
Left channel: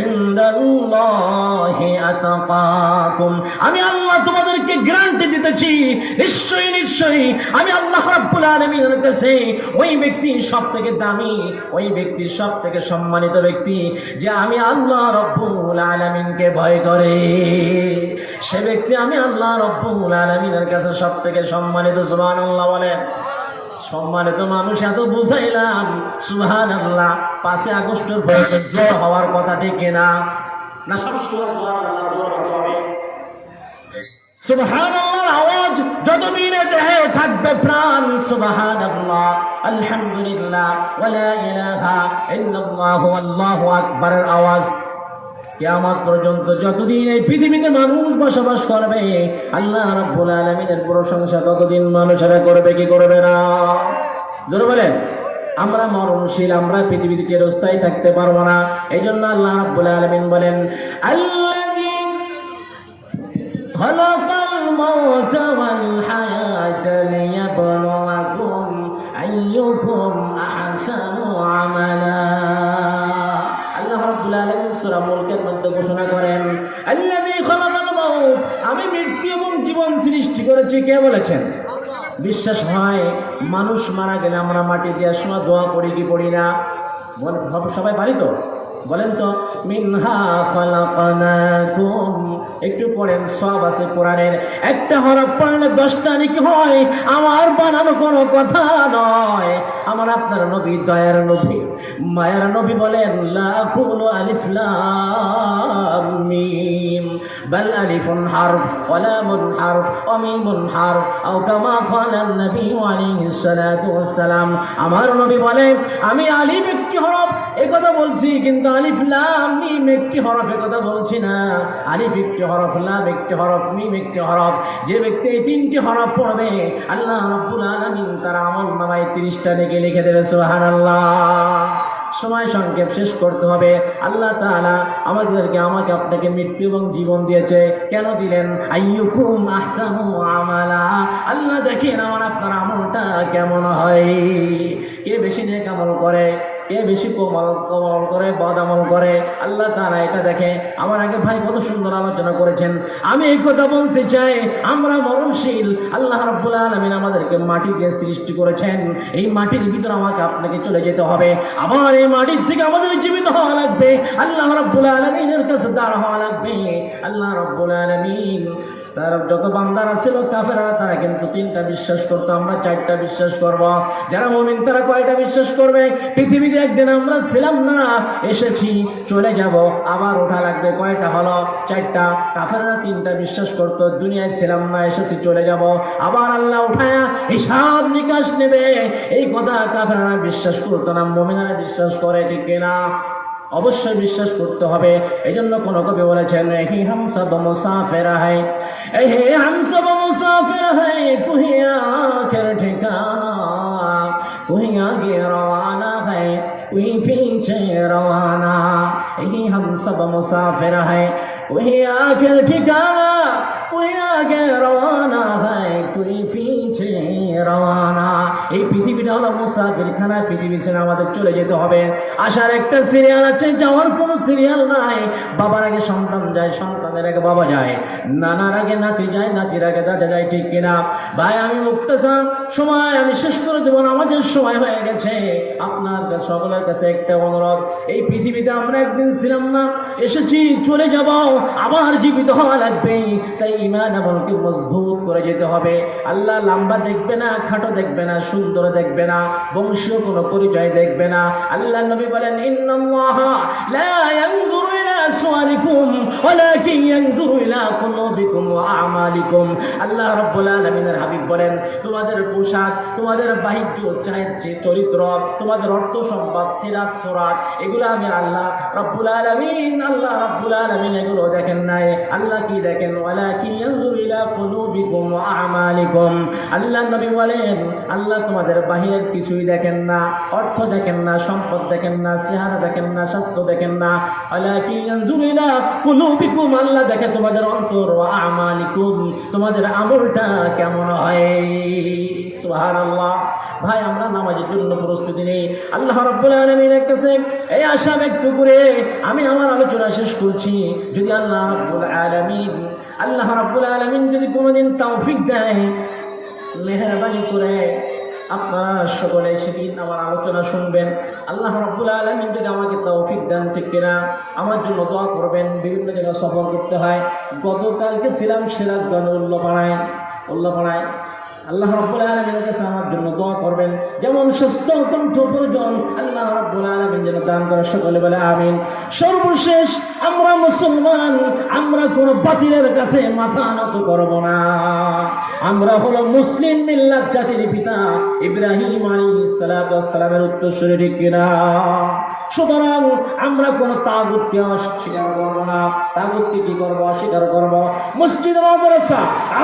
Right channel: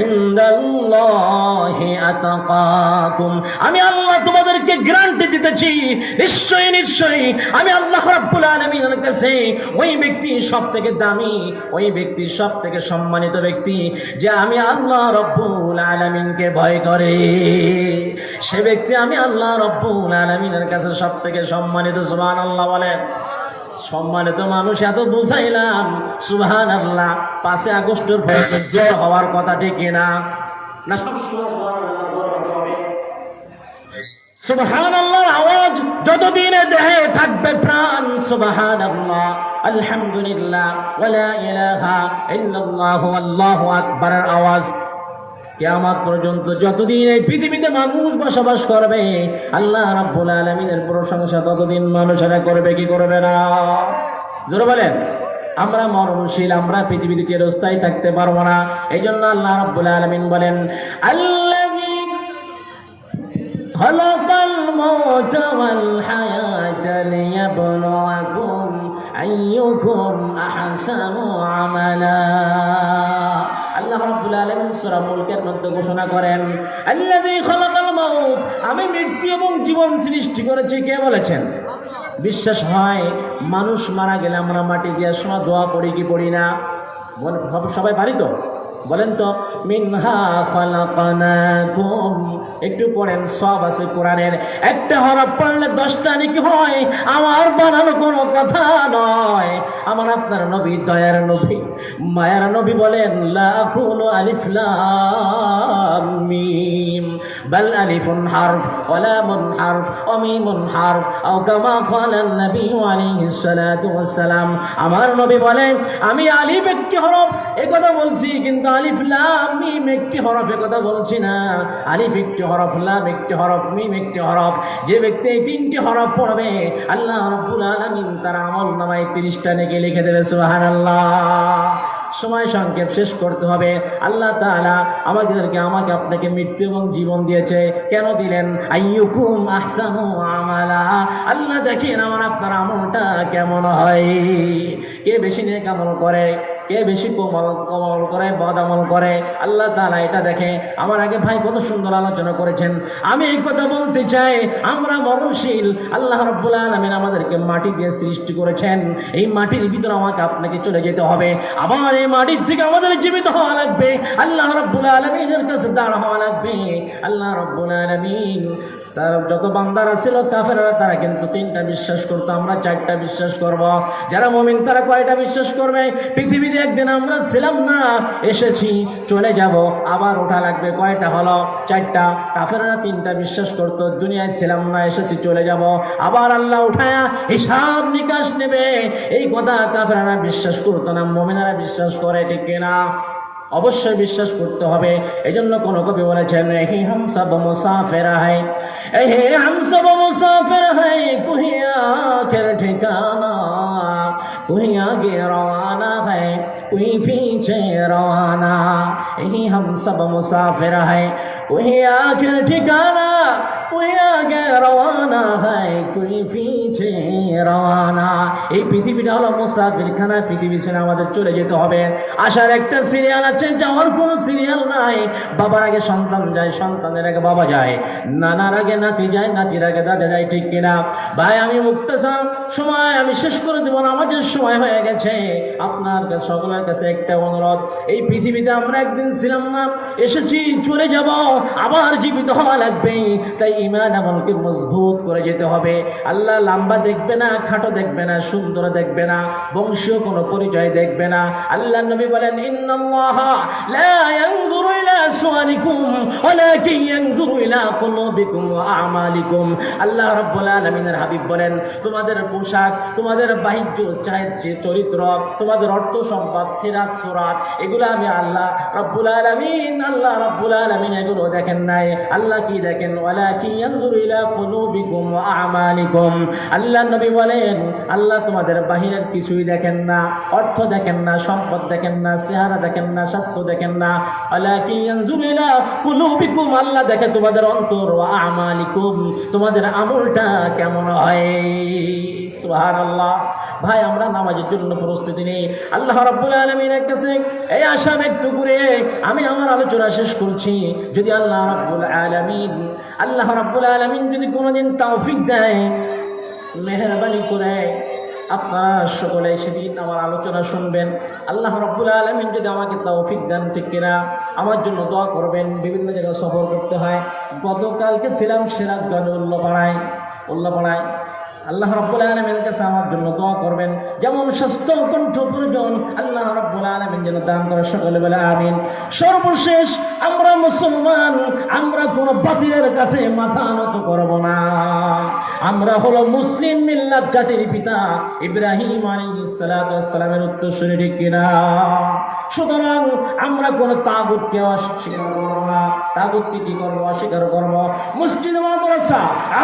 ইনদাল্লাহি আতকাকুম। আমি আল্লাহ তোমাদেরকে গ্যারান্টি দিতেছি, নিশ্চয়ই নিশ্চয়ই আমি আল্লাহ রাব্বুল আলামিনের কাছে ওই ব্যক্তি সব থেকে দামি, ওই ব্যক্তি সব থেকে সম্মানিত ব্যক্তি, যে আমি আল্লাহ রাব্বুল আলামিনকে ভয় করে। সে ব্যক্তি আমি আল্লাহ রাব্বুল আলামিনের কাছে সব থেকে সম্মানিত। সুবহানাল্লাহ বলে। সম্মানিত মানুষ এত বুঝাইলাম, সুবহানাল্লাহ। 5 আগস্টের পরে জোর হওয়ার কথা, ঠিক কিনা? না সব সুবহানাল্লাহ জোর হতে হবে। সুবহানাল্লাহর আওয়াজ যতদিন দেহে থাকবে প্রাণ, সুবহানাল্লাহ, আলহামদুলিল্লাহ, ওয়ালা ইলাহা ইল্লাল্লাহু আল্লাহু আকবারের আওয়াজ কিয়ামত পর্যন্ত যতদিন এই পৃথিবীতে মানুষ বসবাস করবে, আল্লাহ রাব্বুল আলামিনের প্রশংসা ততদিন মানুষেরা করবে কি করবে না? জোরে বলেন। আমরা মরণশীল, আমরা পৃথিবীতে চিরস্থায়ী থাকতে পারবো না। এই জন্য আল্লাহ রাব্বুল আলামিন বলেন, আল্লাযী খালাকাল মাউতা ওয়াল হায়াতা লিয়াবলুয়াকুম আইয়ুকুম আহসানু আমালা। আল্লাহ রাব্বুল আলামিন সূরা মুলকের মধ্যে ঘোষণা করেন, আল্লাযী খালাকাল মাউত, আমি মৃত্যু এবং জীবন সৃষ্টি করেছি। কে বলেছেন? বিশ্বাস হয় মানুষ মারা গেলে আমরা মাটি দিয়ে সময় দোয়া পড়ি কি পড়ি না? সবাই পারি তো? বলেন তো, মিনহা খালাকনাকুম। একটু পড়েন, সব আছে কোরআনের। একটা হরফ পড়লে 10টা নাকি হয়। আমার বানানো কোনো কথা নয়। আমার আপনার নবী, দয়ার নবী, মায়ার নবী বলেন, লা কুনু আলিফ লাম মিম। বাল আলিফুন হারফ ওয়া লামুন হারফ ওয়া মিমুন হারফ আও কামা ক্বালা নবী আলাইহিস সালাতু ওয়াস সালাম। আমার নবী বলেন আমি আলিফ একটি হরফ একথা বলছি, কিন্তু আলিফ লাম মিম একটি হরফ একথা বলছি না। আলিফ একটি হরফ, লাম একটি হরফ, মিম একটি হরফ। যে ব্যক্তি এই তিনটি হরফ পড়বে আল্লাহ রাব্বুল আলামিন তার আমলনামায় 30টা নেকি লিখে দেবে। সুবহানাল্লাহ। সময় সংক্ষেপ, শেষ করতে হবে। আল্লাহ তাআলা আমাকে আপনাকে মৃত্যু এবং জীবন দিয়েছে। কেন দিলেন? আইয়ুকুম আহসানু আমালা। আল্লাহ দেখেন আমার আপনার আমলটা কেমন হয়, কে বেশি নেক আমল করে, কে বেশি কমল করে, বদ আমল করে। আল্লাহ তাআলা এটা দেখে। আমার আগে ভাই কত সুন্দর আলোচনা করেছেন। আমি এই কথা বলতে চাই, আমরা মরণশীল। আল্লাহ রাব্বুল আলামিন আমাদেরকে মাটি দিয়ে সৃষ্টি করেছেন। এই মাটির ভিতরে আমাকে আপনাকে চলে যেতে হবে। আবার এই মাটির থেকে আমাদের জীবিত হওয়া লাগবে। আল্লাহ রাব্বুল আলামিনের কাছে দাঁড় হওয়া লাগবে। আল্লাহ রাব্বুল আলামিন তার যত বান্দারা ছিল কাফেররা, তারা কিন্তু 3টা বিশ্বাস করতো, আমরা 4টা বিশ্বাস করব। যারা মুমিন তারা কয়টা বিশ্বাস করবে? পৃথিবীতে একদিন আমরা ছিলাম না, এসেছি, চলে যাব, আবার ওঠা লাগবে। কয়টা হলো? 4টা। কাফেররা 3টা বিশ্বাস করতো, দুনিয়ায় ছিলাম না, এসেছি, চলে যাব, আবার আল্লাহ উঠায়া হিসাব নিকাশ নেবে। এই কথা কাফেররা বিশ্বাস করতো না, মুমিনরা বিশ্বাস করে, ঠিক কিনা? অবশ্যই বিশ্বাস করতে হবে। এই জন্য কোন কবি বলেছেন হি হাম সব মুসাফির হ্যায়, হে হাম সব মুসাফির হ্যায়, তুহি আখির ঠিকানা, তুহি আগে রওয়ানা হ্যায়, তুহি পीछे রওয়ানা। হি হাম সব মুসাফির হ্যায়, তুহি আখির ঠিকানা, তুহি আগে রওয়ানা হ্যায়, তুহি পीछे রওয়ানা। এই পৃথিবীটা হলো মুসাফিরখানা, পৃথিবী ছেড়ে আমাদের চলে যেতে হবে। আসার একটা সিরিয়াল আছে, যাওয়ার কোনো সিরিয়াল নাই। বাবার আগে সন্তান যায়, সন্তানের আগে বাবা যায়, নানার আগে নাতি যায়, নাতির আগে দাদা যায়, ঠিক কিনা? ভাই আমি মুক্তাসাম, সময় আমি শেষ করে দেবো, আমাদের সময় হয়ে গেছে। আপনার সকলের কাছে একটা অনুরোধ, এই পৃথিবীতে আমরা একদিন ছিলাম না, এসেছি, চলে যাব, আবার জীবিত হওয়া লাগবে। তাই ঈমান আমলকে মজবুত করে যেতে হবে। আল্লাহ লম্বা দেখবে না, খাটো দেখবে না, সুন্দর দেখবে না, বংশীয় কোনো পরিচয় দেখবে না। আল্লাহ নবী বলেন ইন্নাল্লাহা লা ইয়ানজুরু ইলা সুওয়ারিকুম ওয়ালাকিন ইয়ানজুরু ইলা কুলুবিকুম ওয়া আমালিকুম। আল্লাহ রাব্বুল আলামিনের হাবিব বলেন তোমাদের পোশাক, তোমাদের বাহ্য চরিত্র, তোমাদের অর্থ সম্পদ, সিরাত সুরাত, এগুলো আমি আল্লাহ রাব্বুল আলামিন এগুলো দেখেন নাই। আল্লাহ কি দেখেন? ওয়ালাকিন ইয়ানজুরু ইলা কুলুবিকুম ওয়া আমালিকুম। আল্লাহ নবী বলেন আল্লাহ তোমাদের বাহিরের কিছুই দেখেন না, অর্থ দেখেন না, সম্পদ দেখেন না, চেহারা দেখেন না, স্বাস্থ্য দেখেন না। ওয়ালাকিন ইয়ানজুরু ইলা কুলুবিকুম, আল্লাহ দেখে তোমাদের অন্তর, ওয়া আমালিকুম, তোমাদের আমলটা কেমন হয়। সুবহানাল্লাহ। ভাই আমরা নামাজের জন্য প্রস্তুতি নেই। আল্লাহ রাব্বুল আলামিনের কাছে এই আশা ব্যক্ত করে আমি আমার আলোচনা শেষ করছি। যদি আল্লাহ রাব্বুল আলামিন যদি কোনোদিন তৌফিক দেয়, মেহরবানি করে আপনারা সকলে সেদিন আমার আলোচনা শুনবেন। আল্লাহ রাব্বুল আলামিন যদি আমাকে তৌফিক দেন, ঠিক কিনা, আমার জন্য দোয়া করবেন। বিভিন্ন জায়গায় সফর করতে হয়। গতকালকে ছিলাম সিরাজগঞ্জ উল্লাপাড়ায়। আল্লাহ রাব্বুল আলামিনের কাছে আমার জন্য দোয়া করবেন। যেমন সুস্থ কণ্ঠ প্রয়োজন, আল্লাহ রাব্বুল আলামিন যেন দান করে, সকলে বলে আমিন। সর্বশেষ আমরা মুসলমান, আমরা কোন বাতিলের কাছে মাথা নত করব না। আমরা হলো মুসলিম মিল্লাত, জাতির পিতা ইব্রাহিম আলাইহিস সালাতু ওয়াস সালামের উত্তরসূরি, ঠিক কিনা? সুতরাং আমরা কোন তাগুতকে অস্বীকার করব না। তাগুতকে কি করব? অস্বীকার করব। মসজিদ মাদ্রাসা,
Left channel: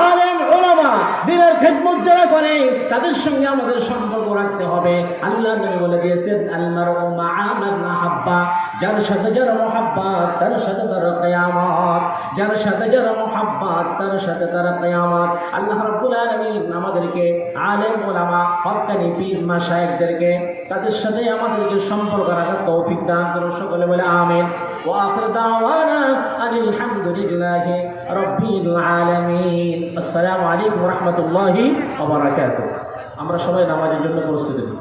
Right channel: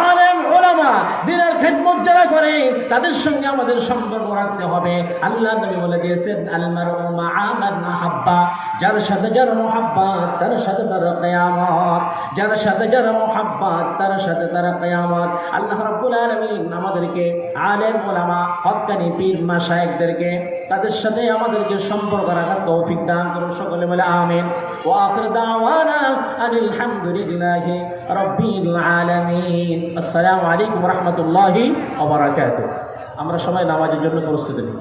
আলেম উলামা, দ্বীনের খিদমত যারা করে তাদের সঙ্গে আমাদের সম্পর্ক রাখতে হবে। আল্লাহ নবী বলে দিয়েছেন আল মারউ মা'a মান আহাব্বা, যার সাথে যার মুহাব্বত তার সাথে তার কিয়ামত, যার সাথে যার মুহাব্বত তার সাথে তার কিয়ামত। আল্লাহ রাব্বুল আলামিন আমাদেরকে আলেম উলামা, হক্কানি পীর মাশায়েখদেরকে তাদের সাথে আমাদেরকে সম্পর্ক রাখার তৌফিক দান করুন, সকলে বলে আমিন। ওয়া আখির দাওয়ানা আনিল হামদুলিল্লাহি রাব্বিল আলামিন। আসসালামু আলাইকুম ওয়া রাহমাতুল্লাহি ওয়া বারাকাতুহু। আমরা সবাই নামাজের জন্য প্রস্তুতি নিই।